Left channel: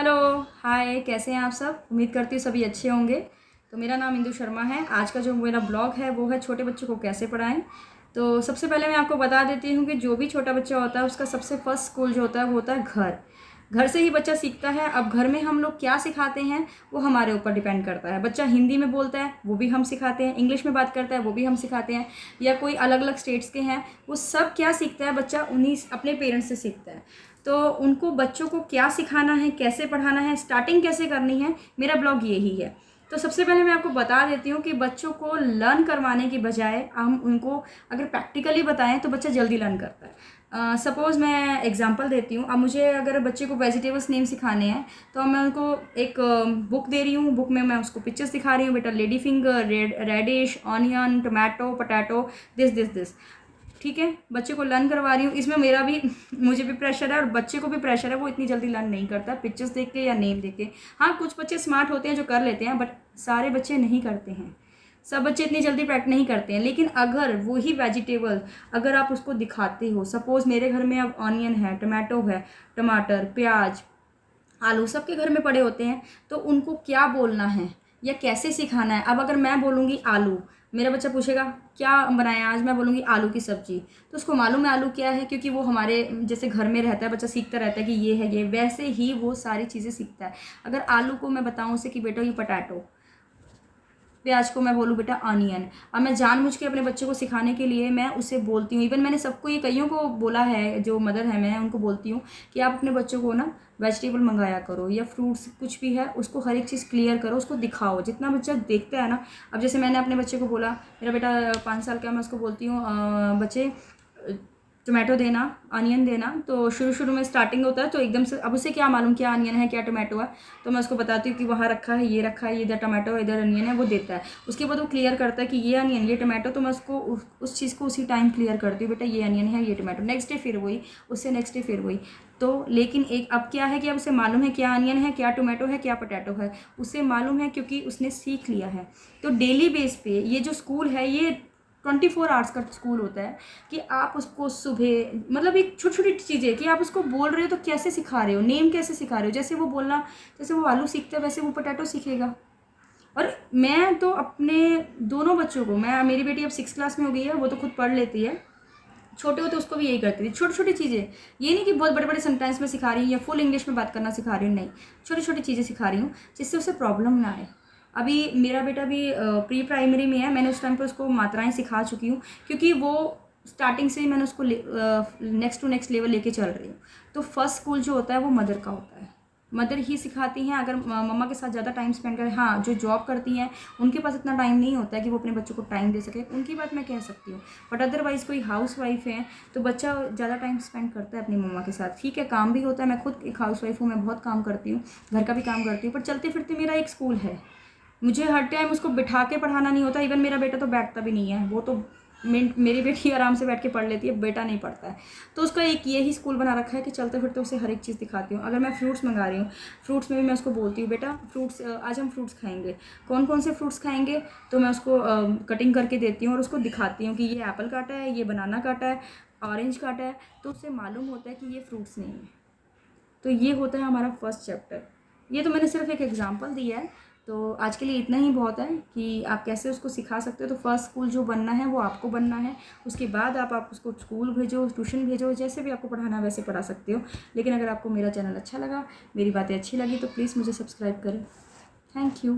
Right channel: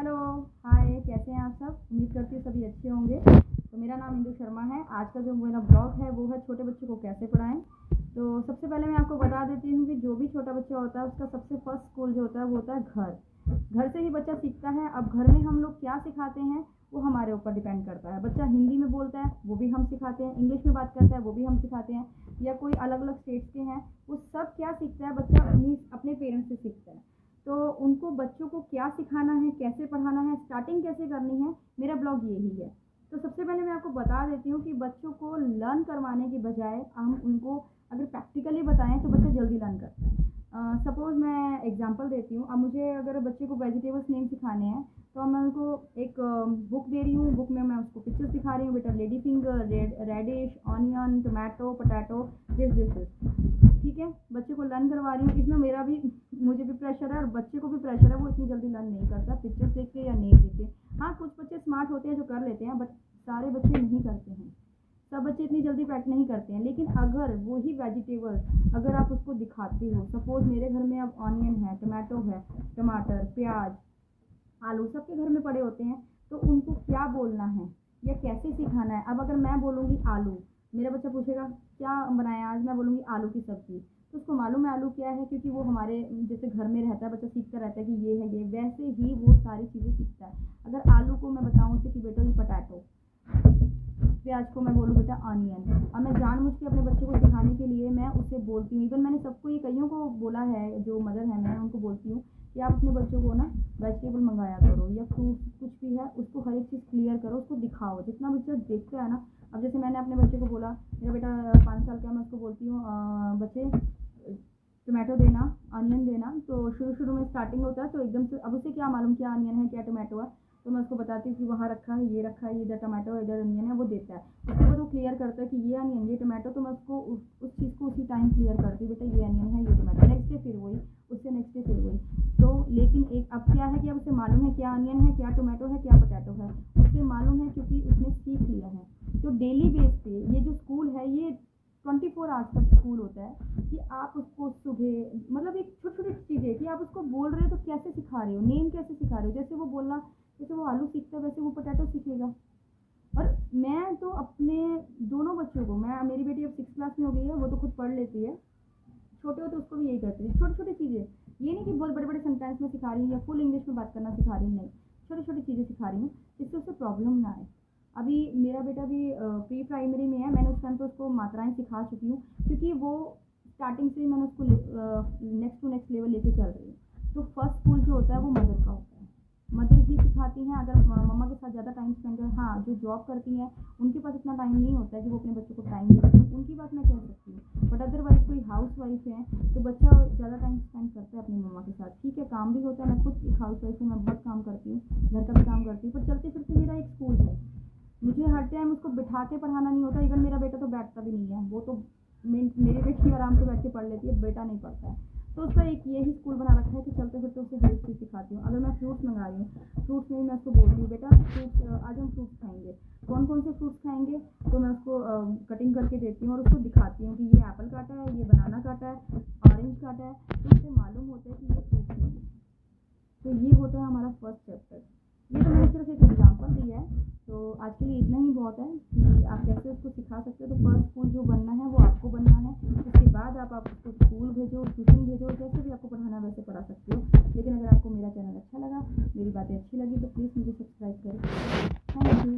Hello, हाय, कैसे हैं आप सब? उम्मीद करती हूँ सभी अच्छे होंगे। तो मेरा नाम इंदु शर्मा है। आज का जो मेरा ब्लॉग है वो है छोटे बच्चों को कैसे पढ़ाएं। तो सबसे पहले मैं आपको बता देती हूँ कि जो भी छोटा बच्चा होता है उसका सबसे फर्स्ट स्कूल जो होता है वो होता है घर। घर से ही बच्चा सीखता है। अब घर में हम लोग क्या सिखाते हैं वो हमारे ऊपर डिपेंड करता है। बच्चा हिंदी में बोलता है वो भी हम सिखाते हैं, इंग्लिश में बात करता है वो भी हम सिखाते हैं, या कोई अलग अलग स्टेट्स के हैं, वो सब क्या सीखता है बच्चा उन्हीं अपने पेरेंट्स से सीखता है। तो उनको बच्चों को क्या सिखाना है, कैसे पढ़ाना है, स्टार्टिंग कैसे करनी है, मेरा ब्लॉग यही है। तो सबसे पहले मैं आपको बता देती हूँ कि बच्चों को लर्न करवाने की बजाय हम उनको अगर प्रैक्टिकली बताएं तो बच्चा जल्दी लर्न करता है। सपोज़ मैं एग्जांपल देती हूँ। अब मुझे अगर बच्चे को वेजिटेबल्स नेम सिखाने हैं तो मैं उनको एक बुक दे रही हूँ। बुक में मैं उसको पिक्चर्स दिखा रही हूँ, बेटा lady finger, radish, onion, tomato, potato, this. ठीक है, बच्चे को लर्न करवा रही हूँ। इसमें मेरा भी मुझे भी प्रेशर है और बच्चे को भी प्रेशर है। वो इतनी जल्दी लर्न नहीं करता पिक्चर्स देख के या नेम देख के। हाँ, कुछ बच्चे स्मार्ट होते हैं जो कर लेते हैं, बट सारे बच्चे नहीं करते हैं। सब बच्चे इतनी जल्दी प्रैक्टिस नहीं करते हैं। लेकिन अगर वही वेजिटेबल अगर आप उसको दिखाते हो, सपोज़ मेरे घर में अब ऑनियन है, टमाटो है, टमाटर, प्याज, आलू सबके घर में पड़े होते हैं, तो उनको क्या बोलना है या कैसे सिखाना है। अब अगर मैं बोलूँगी आलू, मेरा बच्चा पूछेगा क्या बनाया आज, मैं बोलूँगी आलू की सब्ज़ी, तो उसको मालूम है आलू क्या है, क्योंकि वो हमारे जैसे घर में रहता है, बच्चा सीखता रहता है कि ये है ये, वैसे ही वो सारी चीज़ें सीखता है। अगर आलू को मैं बताऊँ उसे कि बेटा ये पोटैटो, प्याज को मैं बोलूँ बेटा ऑनियन। अब मैं जानबूझ के अपने बच्चे को सिखाने के लिए मैं उसे बोलती हूँ। इवन मैंने सबको ये कईयों को बोला है, जो मदर है मैं उनको बोलती हूँ कि आप अपने बच्चों को ना वेजिटेबल मंगाया करो या फ्रूट्स कुछ भी है उसको हर एक चीज़ क्लियर करो, उसको दिखाओ। जितना बच्चा देखता है ना, अब जैसे मैंने अपने बच्चे को बोला, मेरा बेटा 5 साल का, मैं उसको बोलती हूँ बच्चे टोमेटो देना, अनियन देना। तो शुरू में स्टार्टिंग होता है तो एकदम से अब उसे क्या मालूम क्या अनियन है क्या टोमेटो है, तो मैं उसको बताती हूँ कि वहाँ रखा है, ये रखा है, ये इधर टोमेटो है, इधर अनियन है, वो देता है। उसके बाद वो क्लियर करता है कि ये अनियन ये टोमेटो, तो मैं उसको उस चीज़ को उसी टाइम क्लियर करती हूँ, बेटा ये अनियन है ये टोमेटो। नेक्स्ट डे फिर वही, उससे नेक्स्ट डे फिर वही। तो लेकिन एक अब क्या है कि अब उसे मालूम है क्या अनियन है क्या टोमेटो है क्या पोटैटो है, उसे मालूम है क्योंकि उसने सीख लिया है। तो डेली बेस पे ये जो स्कूल है ये 24 आवर्स का स्कूल होता है कि आप उसको सुबह मतलब एक छोटी छोटी चीज़ें कि आप उसको बोल रहे हो तो कैसे सिखा रहे हो, नेम कैसे सिखा रहे हो। जैसे वो बोलना, जैसे वो आलू सीखता है वैसे वो पोटैटो सीखेगा। और मैं तो अपने दोनों बच्चों को, मैं मेरी बेटी अब 6 क्लास में हो गई है, वो तो खुद पढ़ लेती है। छोटे होते उसको भी यही करती थी, छोटी छोटी चीज़ें। ये नहीं कि बहुत बड़े बड़े सेंटेंस में सिखा रही हूँ या फुल इंग्लिश में बात करना सिखा रही हूँ, नहीं, छोटी छोटी चीज़ें सिखा रही हूँ जिससे उसे प्रॉब्लम ना आए। अभी मेरा बेटा भी प्री प्राइमरी में है, मैंने उस टाइम पर उसको मात्राएं सिखा चुकी हूँ, क्योंकि वो स्टार्टिंग से ही मैंने उसको नेक्स्ट टू नेक्स्ट लेवल लेके चल रही हूँ। तो फर्स्ट स्कूल जो होता है वो मदर का होता है, मदर ही सिखाती हैं। अगर मम्मा के साथ ज़्यादा टाइम स्पेंड करें, हाँ जो जॉब करती हैं उनके पास इतना टाइम नहीं होता है कि वो अपने बच्चों को टाइम दे सकें, उनकी बात मैं कह सकती हूँ। बट अदरवाइज़ कोई हाउस वाइफ है तो बच्चा ज़्यादा टाइम स्पेंड करता है अपनी मम्मा के साथ। ठीक है, काम भी होता है, मैं खुद एक हाउस वाइफ हूँ, मैं बहुत काम करती हूँ, घर का भी काम करती हूँ, पर चलते फिरते मेरा एक स्कूल है। मुझे हर टाइम उसको बिठा के पढ़ाना नहीं होता। इवन मेरा बेटा तो बैठता भी नहीं है, वो तो मेरी बेटी आराम से बैठ के पढ़ लेती है, बेटा नहीं पढ़ता है। तो उसका एक यही स्कूल बना रखा है कि चलते फिरते उसे हर एक चीज़ दिखाती हूँ। अगर मैं फ्रूट्स मंगा रही हूँ, फ्रूट्स में भी मैं उसको बोलती हूँ बेटा फ्रूट्स आज हम फ्रूट्स खाएंगे, कौन कौन से फ्रूट्स खाएंगे, तो मैं उसको कटिंग करके देती हूँ और उसको दिखाती हूँ कि ये एप्पल काटा है, ये बनाना काटा है, ऑरेंज काटा है, तो उसे मालूम होता है कि ये फ्रूट्स नहीं है। तो ये होता है हमारा फर्स्ट चैप्टर। ये तो मैंने सिर्फ एक एग्जांपल दिया है। तो आज के लिए इतना ही बहुत है कि आप कैसे उसको सिखा सकते हो। तो फर्स्ट स्कूल जो बनना है वो आपको बनना है, उसके बाद आप उसको स्कूल भेजो, ट्यूशन भेजो, जैसे भी आपको पढ़ाना है वैसे पढ़ा सकते हो। लेकिन अगर आपको मेरा चैनल अच्छा लगा, मेरी बातें अच्छी लगी, तो प्लीज़ मुझे सब्सक्राइब करें। Thank you.